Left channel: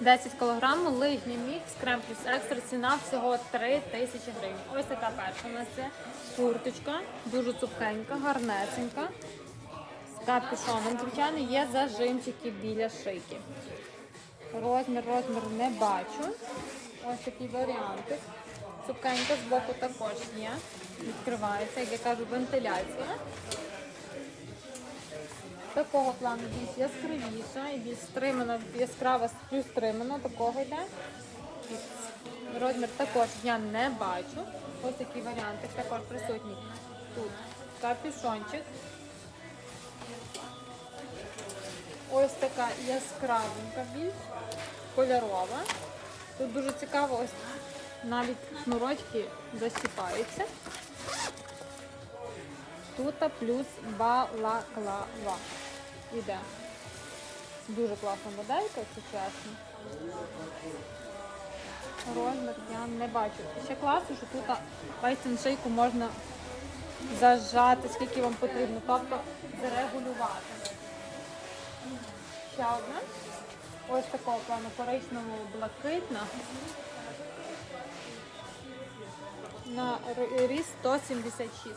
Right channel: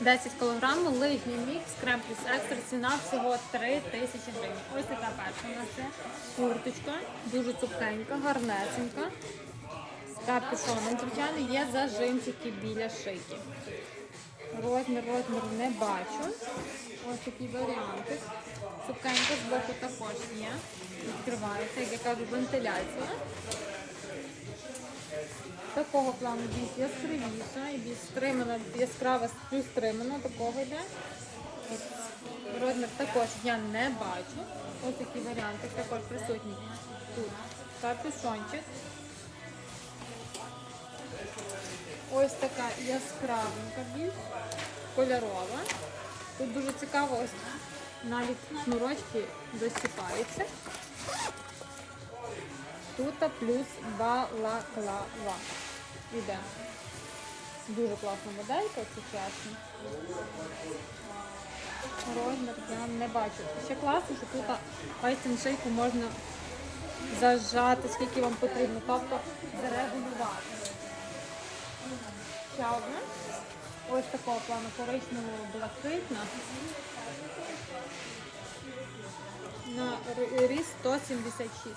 10 кг лижній мікс крем плюс екстра ціна всього 3 тисячі гривень. Ось така перша у нас це курточка, дуже цупкенька, гарнесенька. З капюшоном, звичайно, є зажимчики біля шийки. Розмір, розмір не бачу. Ось такі варіанти. Цупкенька з боку також є. Відкривається, як я кажу, вентиляція. Такого плану більш яскравіша і більш стримана, яскрава плюс стримана, такого йде. Розмір також я не бачу. Ось такі варіанти також присутні тут. Капюшончик. Ось така яскравенька більш, кольорова. Тут дуже цікаво, ось навіть шнурочки засіпаються. Тут плюс балаклава. Іде. Дуже класна моделька, чесно. Розмір я не бачу. Ще класно, що тут пальцем шийку можна зажати, скільки вам потрібно, тобто зарегулювати. Ще одна. Ось такого плану коричневого блакитна. На р- ріст 176.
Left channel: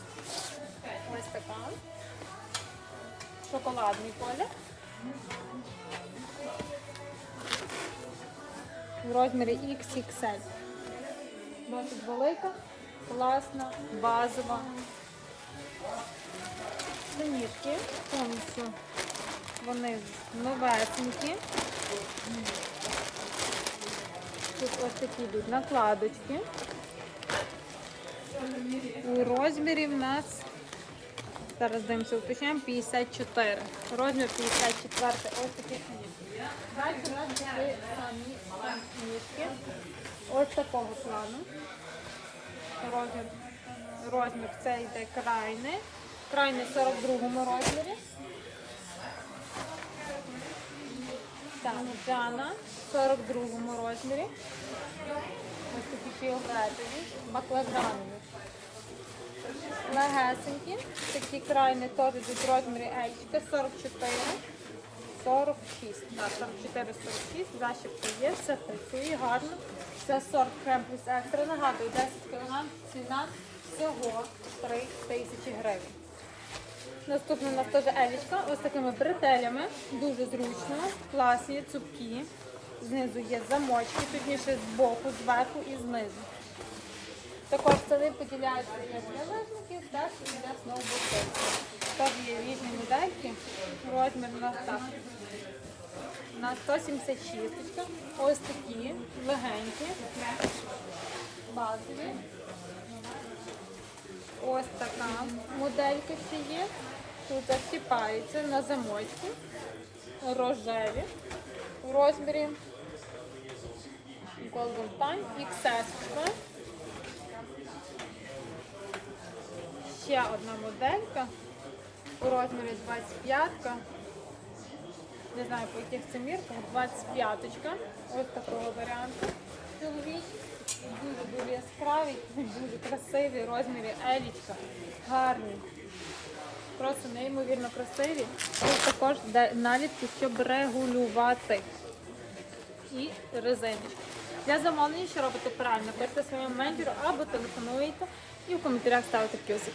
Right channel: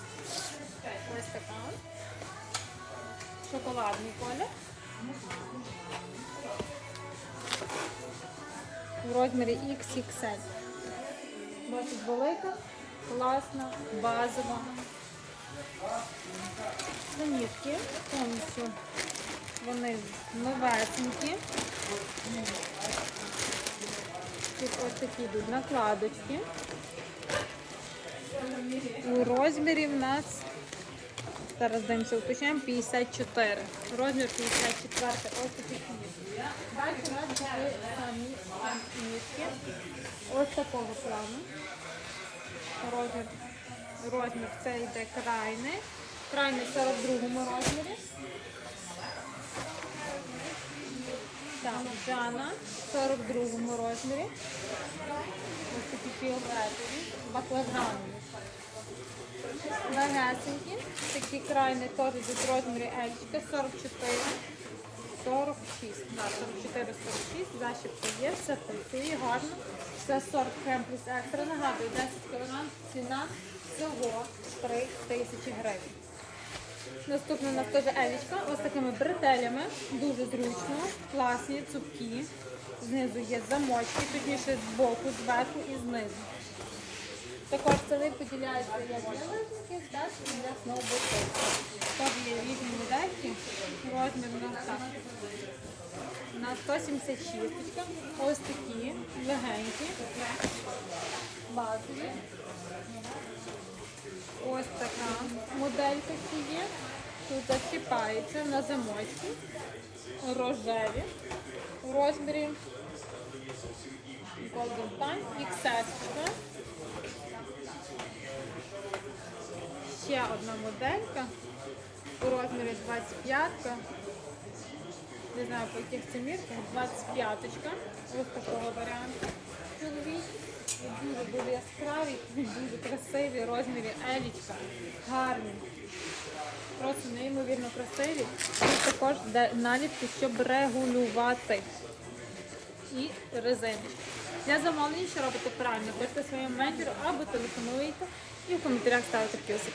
Ось така. Шоколадний колір. В розмірі XXL. Досить велика, класна, базова. Синівки повністю. Вони новесенькі. Тут ось такі йдуть накладочки. У розмірі в нас Зараз дивимося, уточняємо 54. Розмір 54. Ось такі книжки. Далі у нас були самі книжки. Ось такого плану. Розмір, розмір це йде крайний. Крайний в 42 розмірі. Так, Джана в 42 розмірі. Баклажанові. Легесенькі, такі крайні теж в розмірі Ельчика, 44, 46. Да, 44, 46, защіпка є, все працює гарно. Це сорт крем плюс екстра. Нагадую, 10 кг, ціна всього 3 тисячі гривень. Наступний у нас теж елічка, ось такими бретелями, дуже зручно, класні, цупкі. Знизу є замочки, точніше з боку, зверху і знизу. Також столи поділяються як для лижників, так і для сноубордистів. Там є різні модельки, розмір у нас так. На 176, ось такі, легенькі, базові. Ось така моделька ще є. Тут закипається на замочку. Рожеві у розмірі Pan XS. Ще одна моделька у розмірі 25. Не знаю по яких це мірках, 25 Ось такого варіанту. Чоловічий. Дуже дуже яскравий, дуже красивий, в розмірі елічка. Гарний. Просто неймовірно красиві. Тут також наліпки, щоб регулювати. І резини. Для замовлення, що робите правильно, пишете своєму менеджеру або телефонуєте і в коментарях ставите плюсик.